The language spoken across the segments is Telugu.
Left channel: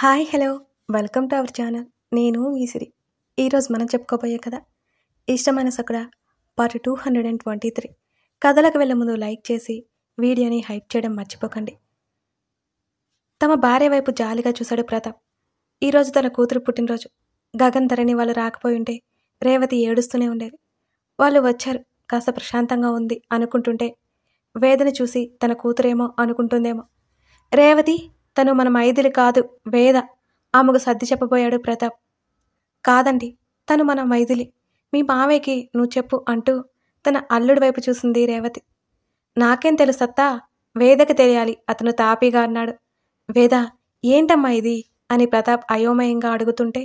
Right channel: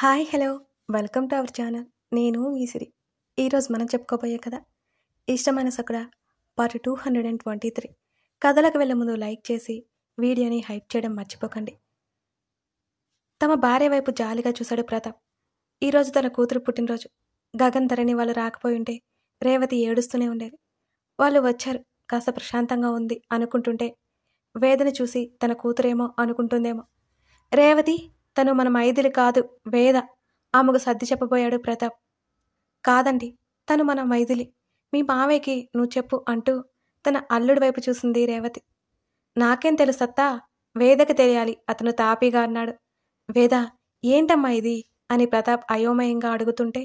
Hi hello welcome to our channel. నేను మీ సిరి. ఈరోజు మనం చెప్పుకోబోయే కథ ఇష్టమైన సకుడ పార్ట్ 223. కథలకు వెళ్ళే ముందు లైక్ చేసి వీడియోని హైప్ చేయడం మర్చిపోకండి. తమ భార్య వైపు జాలిగా చూశాడు ప్రతాప్. ఈరోజు తన కూతురు పుట్టినరోజు. గగన్ ధరణి వాళ్ళు రాకపోయి ఉంటే రేవతి ఏడుస్తూనే ఉండేది. వాళ్ళు వచ్చారు, కాస్త ప్రశాంతంగా ఉంది అనుకుంటుంటే వేదని చూసి తన కూతురేమో అనుకుంటుందేమో. రేవతి, తను మన మైథిలి కాదు, వేద. ఆమెకు సర్ది చెప్పబోయాడు ప్రతాప్. కాదండి, తను మన మైథిలి. మీ మావయ్యకి నువ్వు చెప్పు అంటూ తన అల్లుడి వైపు చూసింది రేవతి. నాకేం తెలుసత్తా, వేదకి తెలియాలి, అతను తాపీగా అన్నాడు. వేద, ఏంటమ్మా ఇది అని ప్రతాప్ అయోమయంగా అడుగుతుంటే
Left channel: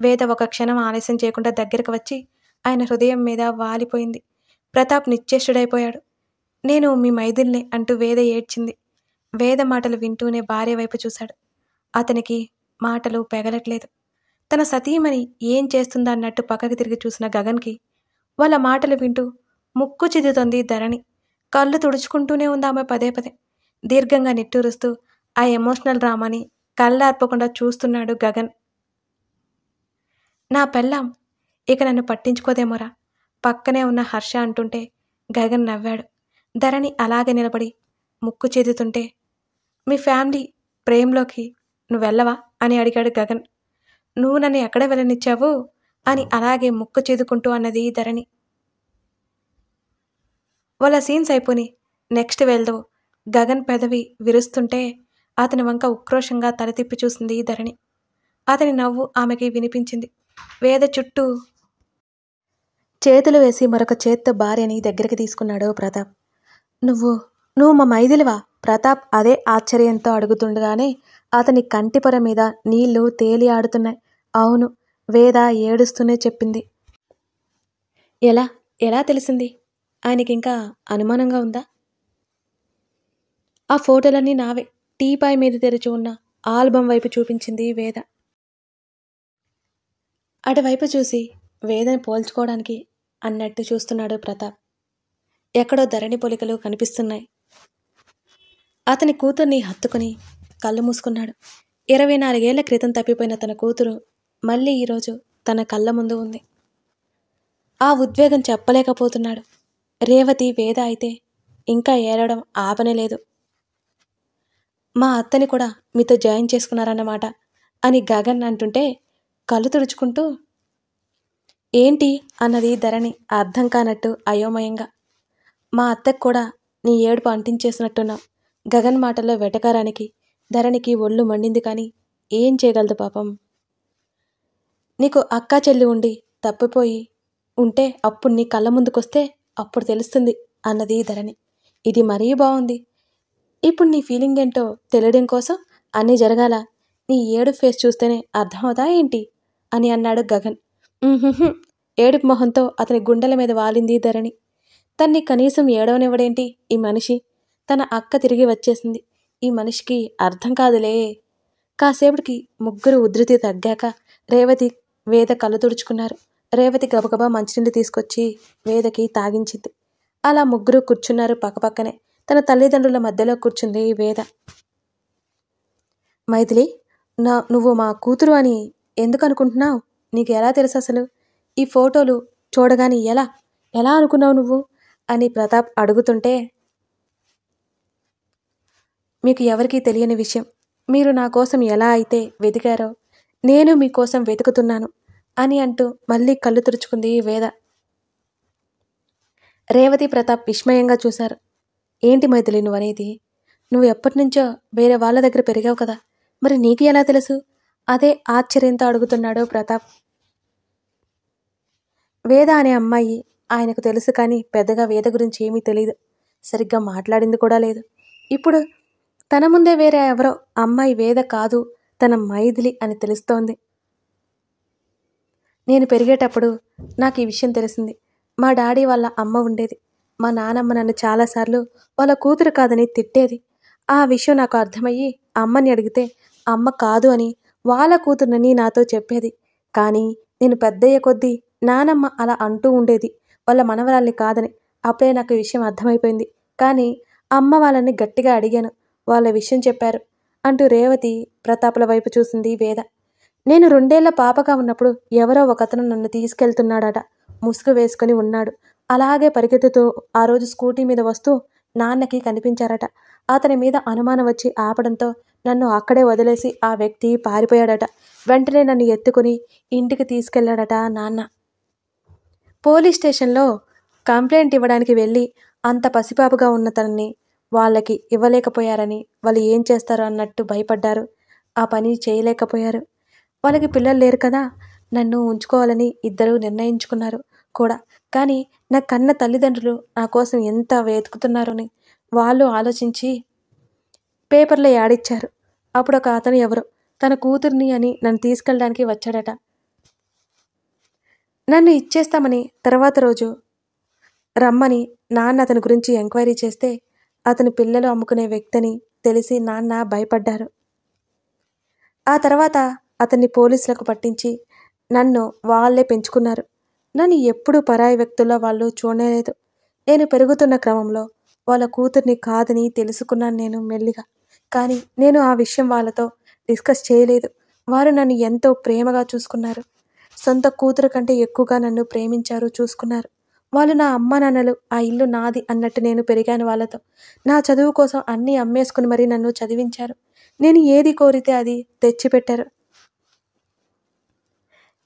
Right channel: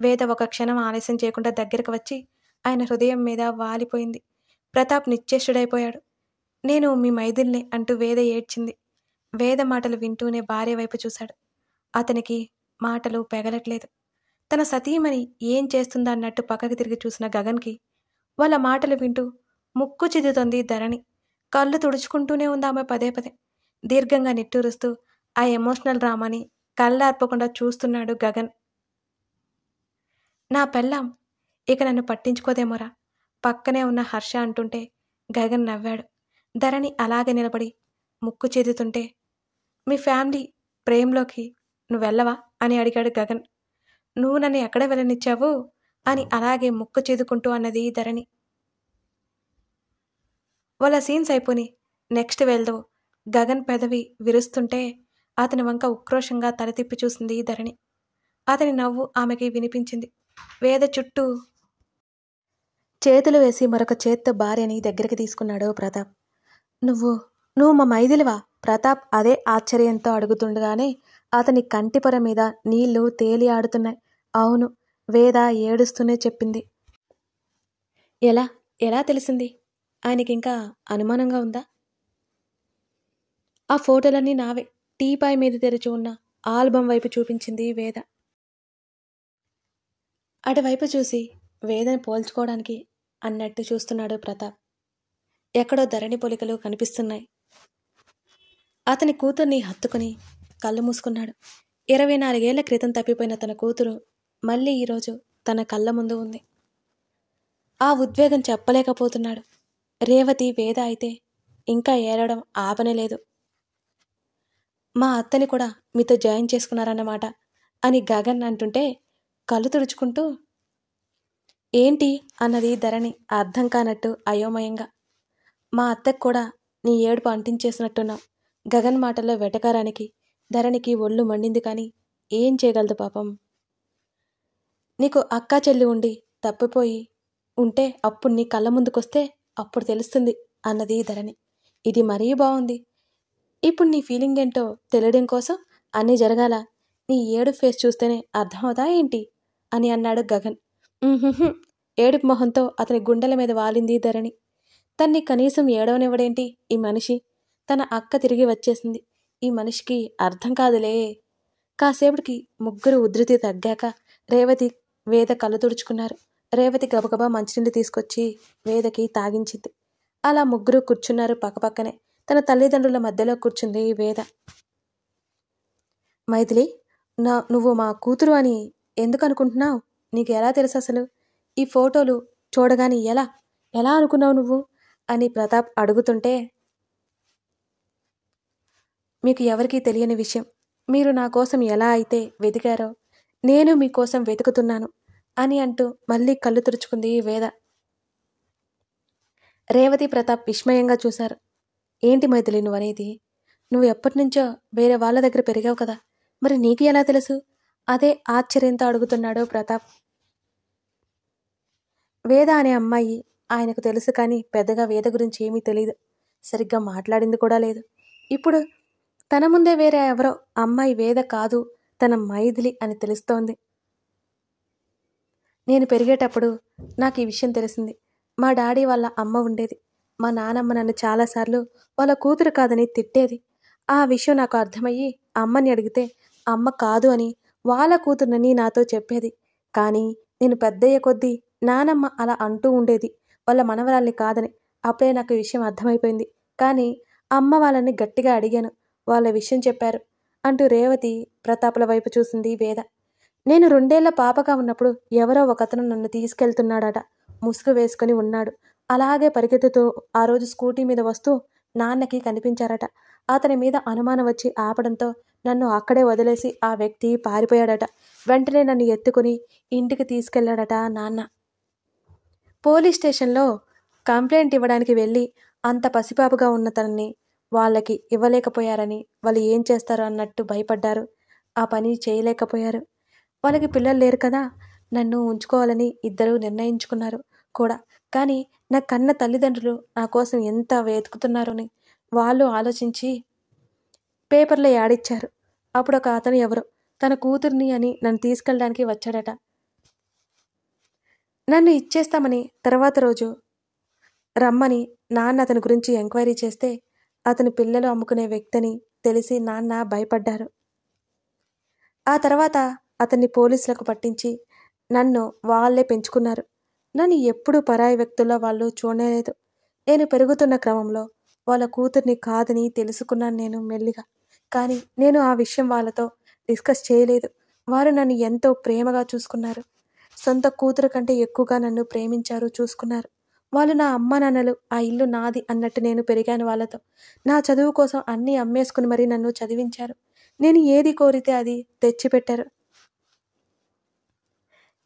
వేద ఒక క్షణం ఆలస్యం చేయకుండా దగ్గరకు వచ్చి ఆయన హృదయం మీద వాలిపోయింది. ప్రతాప్ నిశ్చేష్టుడైపోయాడు. నేను మీ మైథిలినే అంటూ వేద ఏడ్చింది. వేద మాటలు వింటూనే భార్య వైపు చూశాడు. అతనికి మాటలు పెగలట్లేదు. తన సతీమణి ఏం చేస్తుందా అన్నట్టు పక్కకి తిరిగి చూసిన గగన్కి వాళ్ళ మాటలు వింటూ ముక్కు చిదుతోంది ధరణి. కళ్ళు తుడుచుకుంటూనే ఉంది ఆమె పదే పదే. దీర్ఘంగా నిట్టూరుస్తూ ఆ ఎమోషనల్ డ్రామాని కళ్ళార్పకుండా చూస్తున్నాడు గగన్. నా పెళ్ళాం ఇక నన్ను పట్టించుకోదేమోరా పక్కనే ఉన్న హర్ష అంటుంటే గగన్ నవ్వాడు. ధరణి అలాగే నిలబడి ముక్కు చేదుతుంటే మీ ఫ్యామిలీ ప్రేమలోకి నువ్వు వెళ్ళవా అని అడిగాడు గగన్. నువ్వు నన్ను ఎక్కడ వెళ్ళనిచ్చావు అని అలాగే ముక్కు చేదుకుంటూ అన్నది ధరణి. వాళ్ళ సీన్స్ అయిపోయి నెక్స్ట్ వెళ్దాం. గగన్ పెదవి విరుస్తుంటే అతని వంక ఉక్రోషంగా తల తిప్పి చూసింది ధరణి. అతని నవ్వు ఆమెకి వినిపించింది. వేద చుట్టూ చేతులు వేసి మరొక చేత్తో భార్యని దగ్గరికి తీసుకున్నాడు ప్రతాప్. నువ్వు మా మైథిలివా? ప్రతాప్ అదే ఆశ్చర్యంతో అడుగుతుండగానే అతని కంటిపొర మీద నీళ్లు తేలి ఆడుతున్నాయి. అవును, వేద ఏడుస్తూనే చెప్పింది. ఎలా తెలిసింది? ఆయనకింకా అనుమానంగా ఉందా? ఆ ఫోటోలన్నీ నావే. టీపాయ్ మీద తెరిచి ఉన్న ఆల్బమ్ వైపు చూపించింది వేద. అటువైపు చూసి వేదని పోల్చుకోవడానికి అన్నట్టు చూస్తున్నాడు ప్రతాప్. ఎక్కడో ధరణి పొలికలు కనిపిస్తున్నాయి. అతని కూతుర్ని హత్తుకుని కళ్ళు మూసుకున్నాడు. 24 ఏళ్ల క్రితం తప్పిపోయిన తన కూతురు మళ్ళీ ఈరోజు తన కళ్ళ ముందు ఉంది. ఆ ఉద్వేగం చెప్పలేకపోతున్నాడు. రేవతి, వేద అయితే ఇంకా ఏడవడం ఆపనేలేదు. మా అత్తని కూడా మీతో జాయిన్ చేసుకున్నారన్నమాట అని గగన్ అంటుంటే కళ్ళు తుడుచుకుంటూ ఏంటి అన్నది ధరణి అర్థం కానట్టు అయోమయంగా. మా అత్తకు కూడా నీ ఏడుపు అంటించేసినట్టున్నావు. గగన్ మాటల్లో వెటకారానికి ధరణికి ఒళ్ళు మండింది. కానీ ఏం చేయగలదు పాపం. నీకు అక్కా చెల్లి ఉండి తప్పిపోయి ఉంటే అప్పుడు నీ కళ్ళ ముందుకొస్తే అప్పుడు తెలుస్తుంది అన్నది ధరణి. ఇది మరీ బాగుంది. ఇప్పుడు నీ ఫీలింగ్ ఏంటో తెలియడం కోసం అన్నీ జరగాల. నీ ఏడు ఫేస్ చూస్తేనే అర్థమవుతా ఏంటి అని అన్నాడు గగన్. ఏడుపు మొహంతో అతని గుండెల మీద వాలింది ధరణి. తన్ని కనీసం ఏడవనివ్వడేంటి ఈ మనిషి? తన అక్క తిరిగి వచ్చేసింది. ఈ మనిషికి అర్థం కాదులే. కాసేపటికి ముగ్గురు ఉధృతి తగ్గాక రేవతి, వేద కళ్ళు తుడుచుకున్నారు. రేవతి గబగబా మంచినీళ్ళు తీసుకొచ్చి వేదకి తాగించింది. అలా ముగ్గురు కూర్చున్నారు పక్కపక్కనే. తన తల్లిదండ్రుల మధ్యలో కూర్చుంది వేద. మైథిలి, నువ్వు మా కూతురు అని ఎందుకు అనుకుంటున్నావు? నీకు ఎలా తెలుసు అసలు? ఈ ఫోటోలు చూడగాని ఎలా అనుకున్నావు నువ్వు అని ప్రతాప్ అడుగుతుంటే మీకు ఎవరికీ తెలియని విషయం. మీరు నా కోసం ఎలా అయితే వెతికారో నేను మీకోసం వెతుకుతున్నాను అని అంటూ మళ్ళీ కళ్ళు తుడుచుకుంది వేద. రేవతి, ప్రతాప్ విస్మయంగా చూశారు. ఏంటి మైథిలి నువ్వనేది? నువ్వు ఎప్పటినుంచో వేరే వాళ్ళ దగ్గర పెరిగావు కదా, మరి నీకు ఎలా తెలుసు? అదే ఆశ్చర్యంతో అడుగుతున్నాడు ప్రతాప్. వేద అనే అమ్మాయి ఆయనకు తెలుసు, కానీ పెద్దగా వేద గురించి ఏమీ తెలియదు. సరిగ్గా మాట్లాడింది కూడా లేదు. ఇప్పుడు తన ముందే వేరే ఎవరో అమ్మాయి వేద కాదు, తన మైథిలి అని తెలుస్తోంది. నేను పెరిగేటప్పుడు నాకు ఈ విషయం తెలిసింది. మా డాడీ వాళ్ళ అమ్మ ఉండేది. మా నానమ్మ నన్ను చాలాసార్లు వాళ్ళ కూతురు కాదని తిట్టేది. ఆ విషయం నాకు అర్థమయ్యి అమ్మని అడిగితే అమ్మ కాదు అని వాళ్ళ కూతురునని నాతో చెప్పేది. కానీ నేను పెద్దయ్య కొద్దీ నానమ్మ అలా అంటూ ఉండేది వాళ్ళ మనవరాల్ని కాదని. అప్పుడే నాకు ఈ విషయం అర్థమైపోయింది. కానీ అమ్మ వాళ్ళని గట్టిగా అడిగాను. వాళ్ళ విషయం చెప్పారు. అంటూ రేవతి ప్రతాప్ల వైపు చూసింది వేద. నేను 2 ఏళ్ల పాపగా ఉన్నప్పుడు ఎవరో ఒకతను నన్ను తీసుకెళ్తున్నాడట. ముసుగు వేసుకుని ఉన్నాడు. అలాగే పరిగెత్తుతూ ఆ రోజు స్కూటీ మీద వస్తూ నాన్నకి కనిపించారట. అతని మీద అనుమానం వచ్చి ఆపడంతో నన్ను అక్కడే వదిలేసి ఆ వ్యక్తి పారిపోయాడట. వెంటనే నన్ను ఎత్తుకుని ఇంటికి తీసుకెళ్లాడట నాన్న. పోలీస్ స్టేషన్లో కంప్లైంట్ ఇవ్వడానికి వెళ్ళి అంత పసిపాపగా ఉన్న తనని వాళ్ళకి ఇవ్వలేకపోయారని వాళ్ళు ఏం చేస్తారో అన్నట్టు భయపడ్డారు. ఆ పని చేయలేకపోయారు. వాళ్ళకి పిల్లలు లేరు కదా, నన్ను ఉంచుకోవాలని ఇద్దరు నిర్ణయించుకున్నారు కూడా. కానీ నా కన్న తల్లిదండ్రులు నా కోసం ఎంత వెతుకుతున్నారని వాళ్ళు ఆలోచించి పేపర్లో యాడిచ్చారు. అప్పుడు ఒక అతను ఎవరో తన కూతుర్ని అని నన్ను తీసుకెళ్ళడానికి వచ్చాడట. నన్ను ఇచ్చేస్తామని తర్వాత రోజు రమ్మని నాన్న అతని గురించి ఎంక్వైరీ చేస్తే అతని పిల్లలు అమ్ముకునే వ్యక్తిని తెలిసి నాన్న భయపడ్డారు. ఆ తర్వాత అతన్ని పోలీసులకు పట్టించి నన్ను వాళ్ళే పెంచుకున్నారు. నన్ను ఎప్పుడూ పరాయి వ్యక్తుల్లో వాళ్ళు చూడలేదు. నేను పెరుగుతున్న క్రమంలో వాళ్ళ కూతుర్ని కాదని తెలుసుకున్నాను నేను మెల్లిగా. కానీ నేను ఆ విషయం వాళ్ళతో డిస్కస్ చేయలేదు. వారు నన్ను ఎంతో ప్రేమగా చూసుకున్నారు. సొంత కూతురు కంటే ఎక్కువగా నన్ను ప్రేమించారు, చూసుకున్నారు. వాళ్ళు నా అమ్మ నాన్నలు, ఆ ఇల్లు నాది అన్నట్టు నేను పెరిగాను వాళ్ళతో. నా చదువు కోసం అన్నీ అమ్మేసుకుని మరీ నన్ను చదివించారు. నేను ఏది కోరితే అది తెచ్చిపెట్టారు.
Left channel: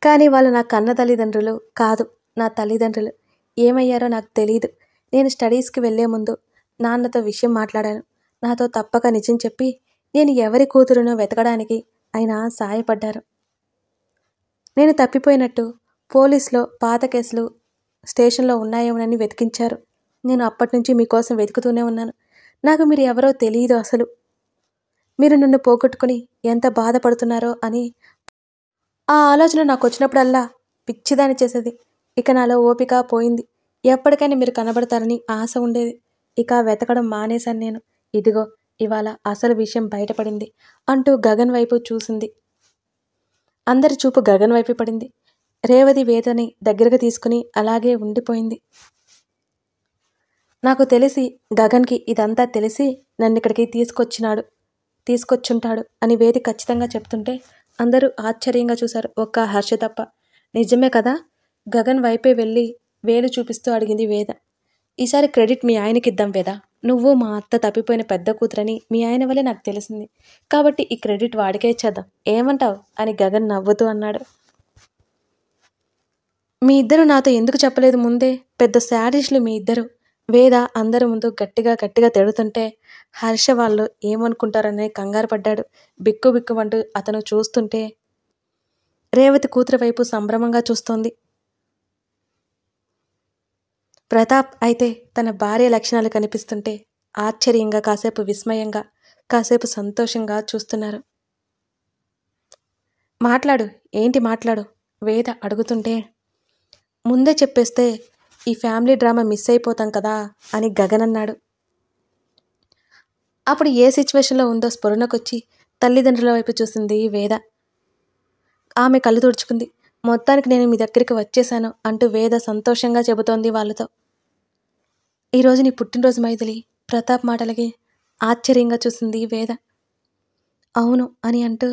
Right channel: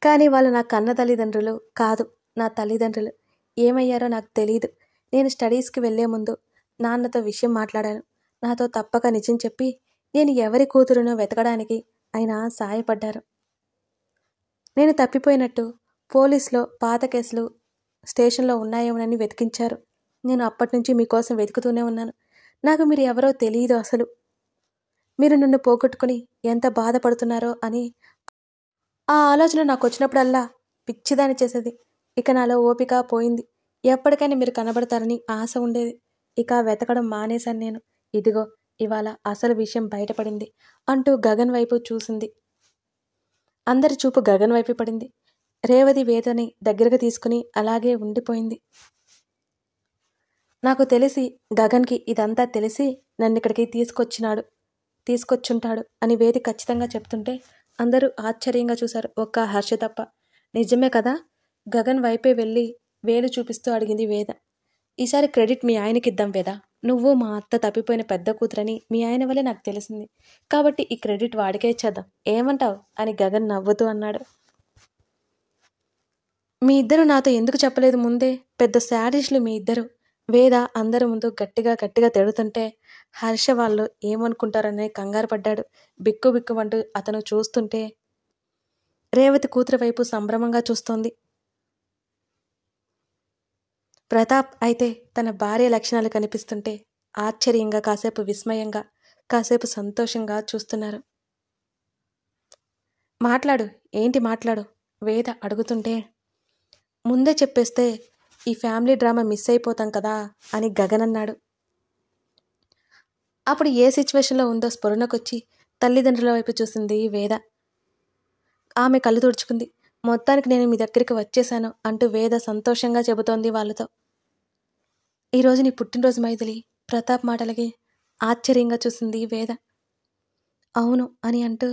కానీ వాళ్ళు నా కన్న తల్లిదండ్రులు కాదు, నా తల్లిదండ్రులు. ఏమయ్యారో నాకు తెలీదు. నేను స్టడీస్కి వెళ్లే ముందు నాన్నతో విషయం మాట్లాడాను. నాతో తప్పక నిజం చెప్పి నేను ఎవరి కూతురునో వెతకడానికి ఆయన సాయపడ్డారు. నేను తప్పిపోయినట్టు పోలీసులో పాత కేసులు స్టేషన్లో ఉన్నాయేమోనని వెతికించారు. నేను అప్పటినుంచి మీకోసం వెతుకుతూనే ఉన్నాను. నాకు మీరు ఎవరో తెలియదు అసలు. మీరు నన్ను పోగొట్టుకుని ఎంత బాధపడుతున్నారో అని ఆ ఆలోచన నాకు వచ్చినప్పుడల్లా పిచ్చిదాని చేసేది. ఇక నాలో ఓపిక పోయింది. ఎప్పటికైనా మీరు కనబడతారని ఆశ ఉండేది. ఇక వెతకడం మానేశాను నేను. ఇదిగో ఇవాళ అసలు విషయం బయటపడింది అంటూ గగన్ వైపు చూసింది. అందరి చూపు గగన్ వైపు పడింది. రేవతి వేదని దగ్గరకు తీసుకుని అలాగే ఉండిపోయింది. నాకు తెలిసి గగన్కి ఇదంతా తెలిసి నన్ను ఇక్కడికి తీసుకొచ్చుంటాడు అని వేది ఖచ్చితంగా చెప్తుంటే అందరూ ఆశ్చర్యంగా చూశారు, ఒక్క హర్ష తప్ప. నిజమే కదా? గగన్ వైపే వెళ్ళి వేలు చూపిస్తూ అడిగింది వేద. ఈసారి క్రెడిట్ మీ ఆయనకిద్దాం వేద. నువ్వు మా అత్త తప్పిపోయిన పెద్ద కూతురని మీ ఆయన వల్లే నాకు తెలిసింది. కాబట్టి ఈ క్రెడిట్ వాడికే ఇచ్చేద్దాం. ఏమంటావు అని గగన్ నవ్వుతూ అన్నాడు. మీ ఇద్దరు నాతో ఎందుకు చెప్పలేదు ముందే? పెద్ద శాడిస్టులు మీ ఇద్దరు. వేద అందరి ముందు గట్టిగా తిడుతుంటే హర్ష వాళ్ళు ఏమనుకుంటారని కంగారు పడ్డాడు. బిక్కుమంటూ అతను చూస్తుంటే రేవతి కూతురు వైపు సంభ్రమంగా చూస్తోంది. ప్రతాప్ అయితే తన భార్య లక్షణాలు కనిపిస్తుంటే ఆశ్చర్యంగా, కాసేపు విస్మయంగా, కాసేపు సంతోషంగా చూస్తున్నారు. మాట్లాడు, ఏంటి మాట్లాడు వేద అడుగుతుంటే, ముందే చెప్పేస్తే ఈ ఫ్యామిలీ డ్రామా మిస్ అయిపోతాం కదా అని గగన్ అన్నాడు. అప్పుడు ఏ సిచ్యువేషన్లో ఉందో స్ఫురణకొచ్చి తల్లిదండ్రుల వైపు చూసింది వేద. ఆమె కళ్ళు తుడుచుకుంది. మొత్తానికి నేను మీ దగ్గరికి వచ్చేశాను అంటూ వేద సంతోషంగా చెబుతోంది వాళ్ళతో. ఈరోజు నీ పుట్టినరోజు మైథిలి. ప్రతాప్ మాటలకి ఆశ్చర్యంగా చూసింది వేద. అవును అని అంటూ,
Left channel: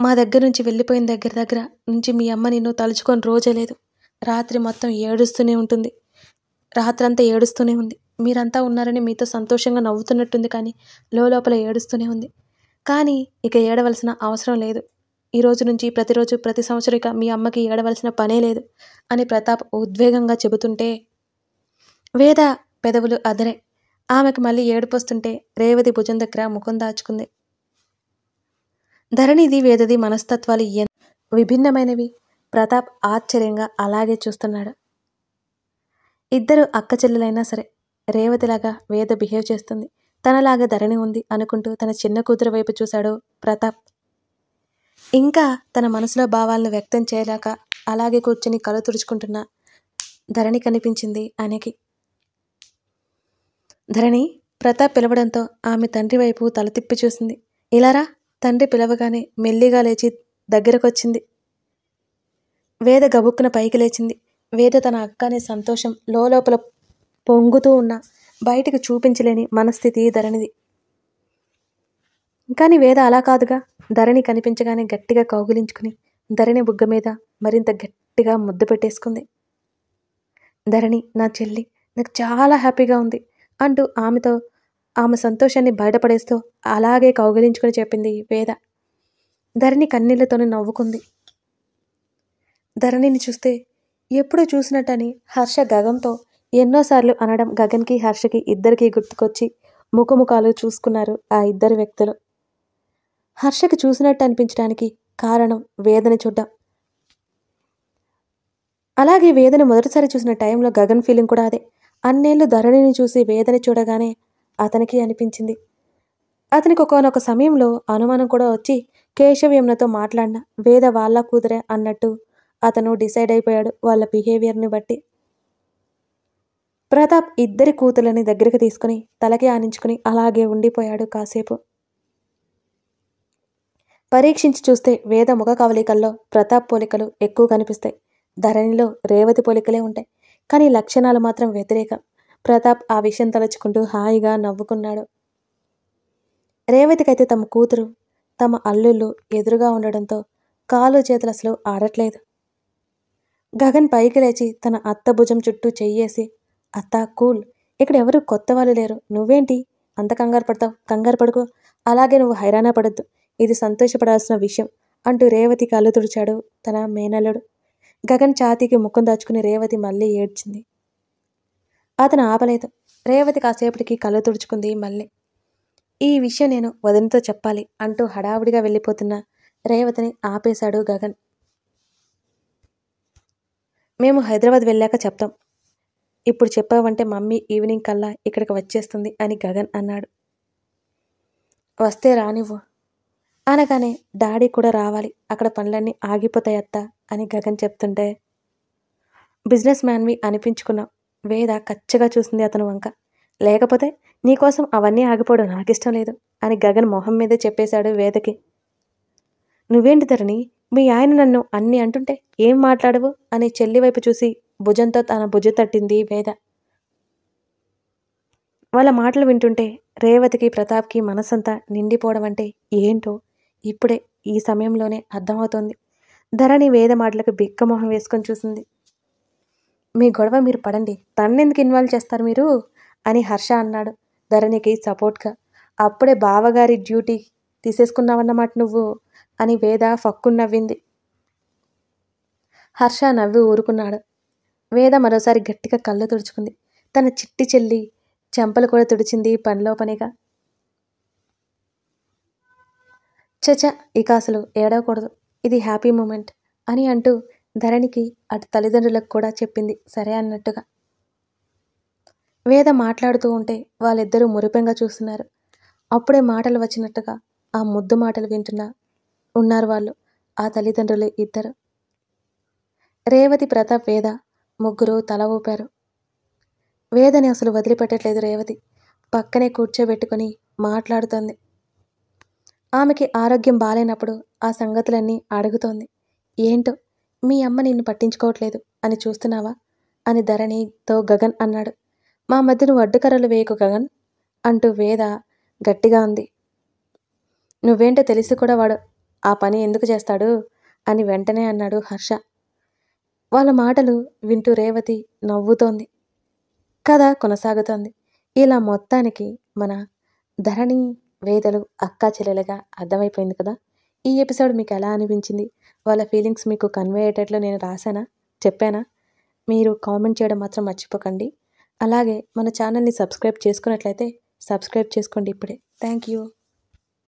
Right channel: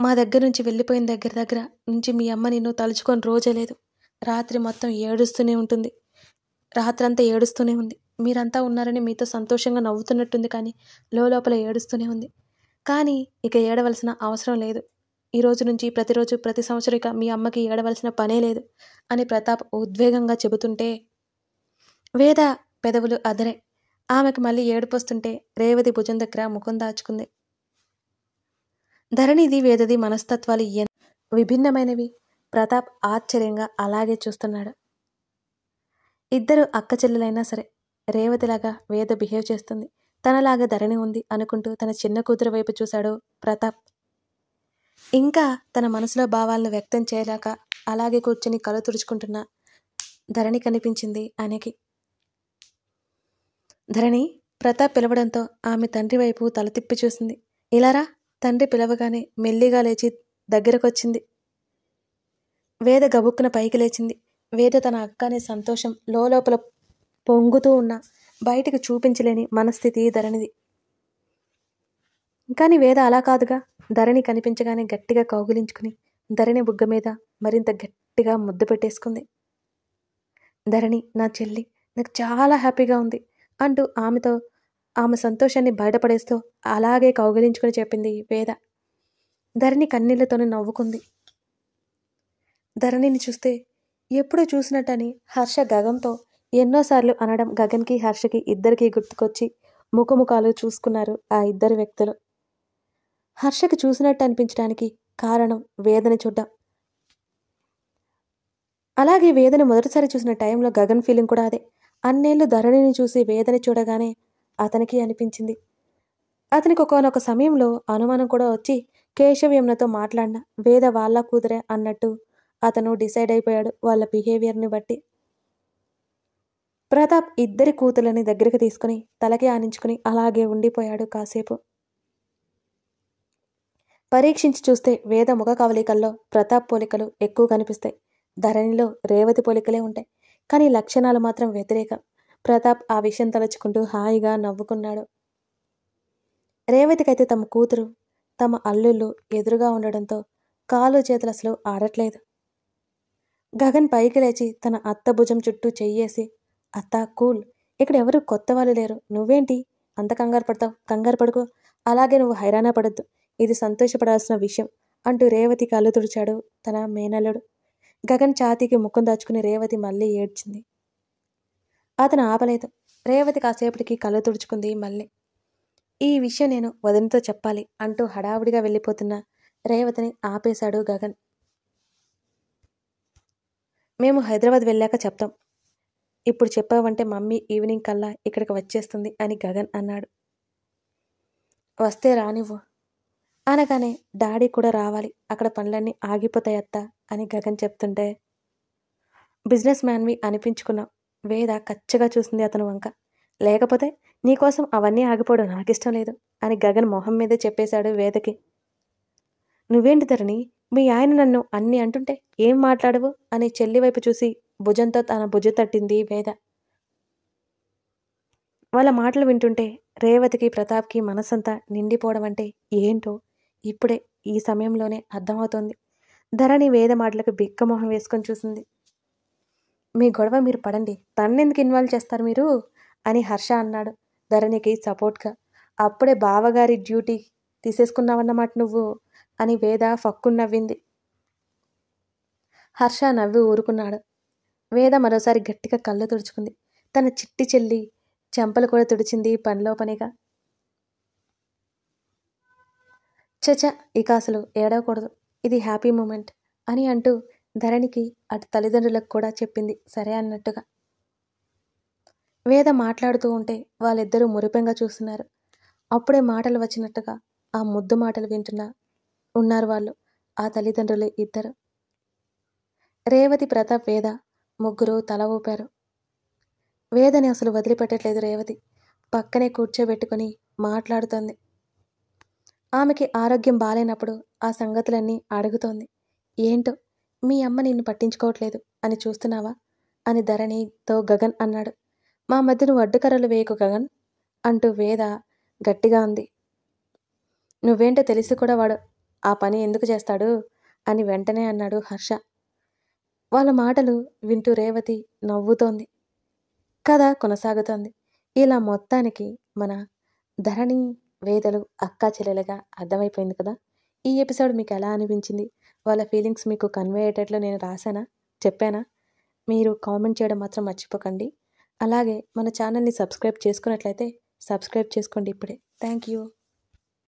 మా దగ్గర నుంచి వెళ్ళిపోయిన దగ్గర నుంచి మీ అమ్మ నిన్ను తలుచుకొని రోజే లేదు. రాత్రి మొత్తం ఏడుస్తూనే ఉంటుంది. రాత్రంతా ఏడుస్తూనే ఉంది. మీరంతా ఉన్నారని మీతో సంతోషంగా నవ్వుతున్నట్టుంది, కానీ లోపల ఏడుస్తూనే ఉంది. కానీ ఇక ఏడవలసిన అవసరం లేదు. ఈ రోజు నుంచి ప్రతిరోజు, ప్రతి సంవత్సరం ఇక మీ అమ్మకి ఏడవలసిన పనే లేదు అని ప్రతాప్ ఉద్వేగంగా చెబుతుంటే వేద పెదవులు అదరే. ఆమెకు మళ్ళీ ఏడుపొస్తుంటే రేవతి భుజం దగ్గర ముఖం దాచుకుంది. ధరణిది వేదది మనస్తత్వాలు విభిన్నమైనవి. ప్రతాప్ ఆశ్చర్యంగా అలాగే చూస్తున్నాడు. ఇద్దరు అక్క చెల్లెలైనా సరే రేవతిలాగా వేద బిహేవ్ చేస్తుంది, తనలాగా ధరణి ఉంది అనుకుంటూ తన చిన్న కూతురు వైపు చూశాడు ప్రతాప్. ఇంకా తన మనసులో భావాలను వ్యక్తం చేయలేక అలాగే కూర్చుని కళ్ళు తుడుచుకుంటున్న ధరణి కనిపించింది ఆయనకి. ధరణి ప్రతాప్ పిలవడంతో ఆమె తండ్రి వైపు తల తిప్పి చూసింది. ఇలారా. తండ్రి పిలవగానే మెల్లిగా లేచి దగ్గరకొచ్చింది. వేద గబుక్కున పైకి లేచింది. వేద తన అక్క అనే సంతోషం లోపల పొంగుతూ ఉన్న బయటికి చూపించలేని మనస్థితి ధరణిది. కానీ వేద అలా కాదుగా. ధరణి కనిపించగానే గట్టిగా కౌగిలించుకుని ధరణి బుగ్గ మీద మరింత గట్టిగా ముద్దు పెట్టేసుకుంది. ధరణి నా చెల్లి, నాకు చాలా హ్యాపీగా ఉంది అంటూ ఆమె సంతోషాన్ని బయటపడేస్తూ అలాగే కౌగిలించుకుని చెప్పింది వేద. ధరణి కన్నీళ్లతోనే నవ్వుకుంది. ధరణిని చూస్తే ఎప్పుడూ చూసినట్టని హర్ష గగన్తో ఎన్నోసార్లు అనడం గగన్కి హర్షకి ఇద్దరికీ గుర్తుకొచ్చి ముఖముఖాలు చూసుకున్నారు ఆ ఇద్దరు వ్యక్తులు. హర్షకి చూసినట్టు అనిపించడానికి కారణం వేదని చూడ్డం. అలాగే వేదని మొదటిసారి చూసిన టైంలో గగన్ ఫీలింగ్ కూడా అదే. అన్నేళ్లు ధరణిని చూసి వేదని చూడగానే అతనికి అనిపించింది. అతనికి ఒకనొక సమయంలో అనుమానం కూడా వచ్చి కేశవ్ యమునతో మాట్లాడిన వేద వాళ్ళ కూతురే అన్నట్టు అతను డిసైడ్ అయిపోయాడు వాళ్ళ బిహేవియర్ని బట్టి. ప్రతాప్ ఇద్దరి కూతులని దగ్గరికి తీసుకుని తలకి ఆనించుకుని అలాగే ఉండిపోయాడు కాసేపు. పరీక్షించి చూస్తే వేద ముఖ కవలికల్లో ప్రతాప్ పోలికలు ఎక్కువ కనిపిస్తాయి. ధరణిలో రేవతి పోలికలే ఉంటాయి. కానీ లక్షణాలు మాత్రం వ్యతిరేకం. ప్రతాప్ ఆ విషయం తలుచుకుంటూ హాయిగా నవ్వుకున్నాడు. రేవతికైతే తమ కూతురు, తమ అల్లుళ్ళు ఎదురుగా ఉండడంతో కాలు చేతులు అసలు ఆడట్లేదు. గగన్ పైకి లేచి తన అత్త భుజం చుట్టూ చెయ్యేసి, అత్త కూల్, ఇక్కడ ఎవరు కొత్త వాళ్ళు లేరు, నువ్వేంటి అంత కంగారు పడతావు, కంగారు పడుకో, అలాగే నువ్వు హైరాణ పడద్దు, ఇది సంతోషపడాల్సిన విషయం అంటూ రేవతి కళ్ళు తుడిచాడు తన మేనల్లుడు. గగన్ ఛాతీకి ముఖం దాచుకుని రేవతి మళ్ళీ ఏడ్చింది. అతను ఆపలేదు. రేవతి కాసేపటికి కళ్ళు తుడుచుకుంది మళ్ళీ. ఈ విషయం నేను వదినతో చెప్పాలి అంటూ హడావుడిగా వెళ్ళిపోతున్న రేవతిని ఆపేశాడు గగన్. మేము హైదరాబాద్ వెళ్ళాక చెప్తాం, ఇప్పుడు చెప్పావంటే మమ్మీ ఈవినింగ్ కల్లా ఇక్కడికి వచ్చేస్తుంది అని గగన్ అన్నాడు. వస్తే రానివ్వు అనగానే డాడీ కూడా రావాలి, అక్కడ పనులన్నీ ఆగిపోతాయి అత్త అని గగన్ చెప్తుంటే, బిజినెస్ మ్యాన్వి అనిపించుకున్నావు. వేద కచ్చగా చూసింది అతను వంక. లేకపోతే నీకోసం అవన్నీ ఆగిపోవడం నాకిష్టం లేదు అని గగన్ మొహం మీదే చెప్పేశాడు వేదకి. నువ్వేంటి ధరణి, మీ ఆయన నన్ను అన్నీ అంటుంటే ఏం మాట్లాడవు అని చెల్లి వైపు చూసి భుజంతో తన భుజం తట్టింది వేద. వాళ్ళ మాటలు వింటుంటే రేవతికి ప్రతాప్కి మనసంతా నిండిపోవడం అంటే ఏంటో ఇప్పుడే ఈ సమయంలోనే అర్థమవుతోంది. ధరణి వేద మాటలకు బిక్కమొహం వేసుకొని చూసింది. మీ గొడవ మీరు పడండి, తన్నెందుకు ఇన్వాల్వ్ చేస్తారు మీరు అని హర్ష అన్నాడు ధరణికి సపోర్ట్గా. అప్పుడే బావగారి డ్యూటీ తీసేసుకున్నావన్నమాట నువ్వు అని వేద ఫక్కుని నవ్వింది. హర్ష నవ్వి ఊరుకున్నాడు. వేద మరోసారి గట్టిగా కళ్ళు తుడుచుకుంది. తన చిట్టి చెల్లి చెంపలు కూడా తుడిచింది పనిలో పనిగా. చచ, ఇక అసలు ఏడవకూడదు, ఇది హ్యాపీ మూమెంట్ అని అంటూ ధరణికి అటు తల్లిదండ్రులకు కూడా చెప్పింది సరే అన్నట్టుగా. వేద మాట్లాడుతూ ఉంటే వాళ్ళిద్దరూ మురిపెంగా చూస్తున్నారు. అప్పుడే మాటలు వచ్చినట్టుగా ఆ ముద్దు మాటలు వింటున్నా ఉన్నారు వాళ్ళు, ఆ తల్లిదండ్రులు ఇద్దరు. రేవతి, ప్రతాప్, వేద ముగ్గురు తల ఊపారు. వేదని అసలు వదిలిపెట్టట్లేదు రేవతి. పక్కనే కూర్చోబెట్టుకుని మాట్లాడుతోంది. ఆమెకి ఆరోగ్యం బాలేనప్పుడు ఆ సంగతులన్నీ అడుగుతోంది. ఏంటో మీ అమ్మ నిన్ను పట్టించుకోవట్లేదు అని చూస్తున్నావా అని ధరణితో గగన్ అన్నాడు. మా మధ్య నువ్వు అడ్డుకర్రలు వేయకు గగన్ అంటూ వేద గట్టిగా ఉంది. నువ్వేంటో తెలిసి కూడా వాడు ఆ పని ఎందుకు చేస్తాడు అని వెంటనే అన్నాడు హర్ష. వాళ్ళ మాటలు వింటూ రేవతి నవ్వుతోంది. కథ కొనసాగుతోంది. ఇలా మొత్తానికి మన ధరణి వేదలు అక్కా చెల్లెలుగా అర్థమైపోయింది కదా. ఈ ఎపిసోడ్ మీకు ఎలా అనిపించింది? వాళ్ళ ఫీలింగ్స్ మీకు కన్వే అయ్యేటట్లు నేను రాశానా, చెప్పానా? మీరు కామెంట్ చేయడం మాత్రం మర్చిపోకండి. అలాగే మన ఛానల్ని సబ్స్క్రైబ్ చేసుకున్నట్లయితే సబ్స్క్రైబ్ చేసుకోండి ఇప్పుడే. Thank you.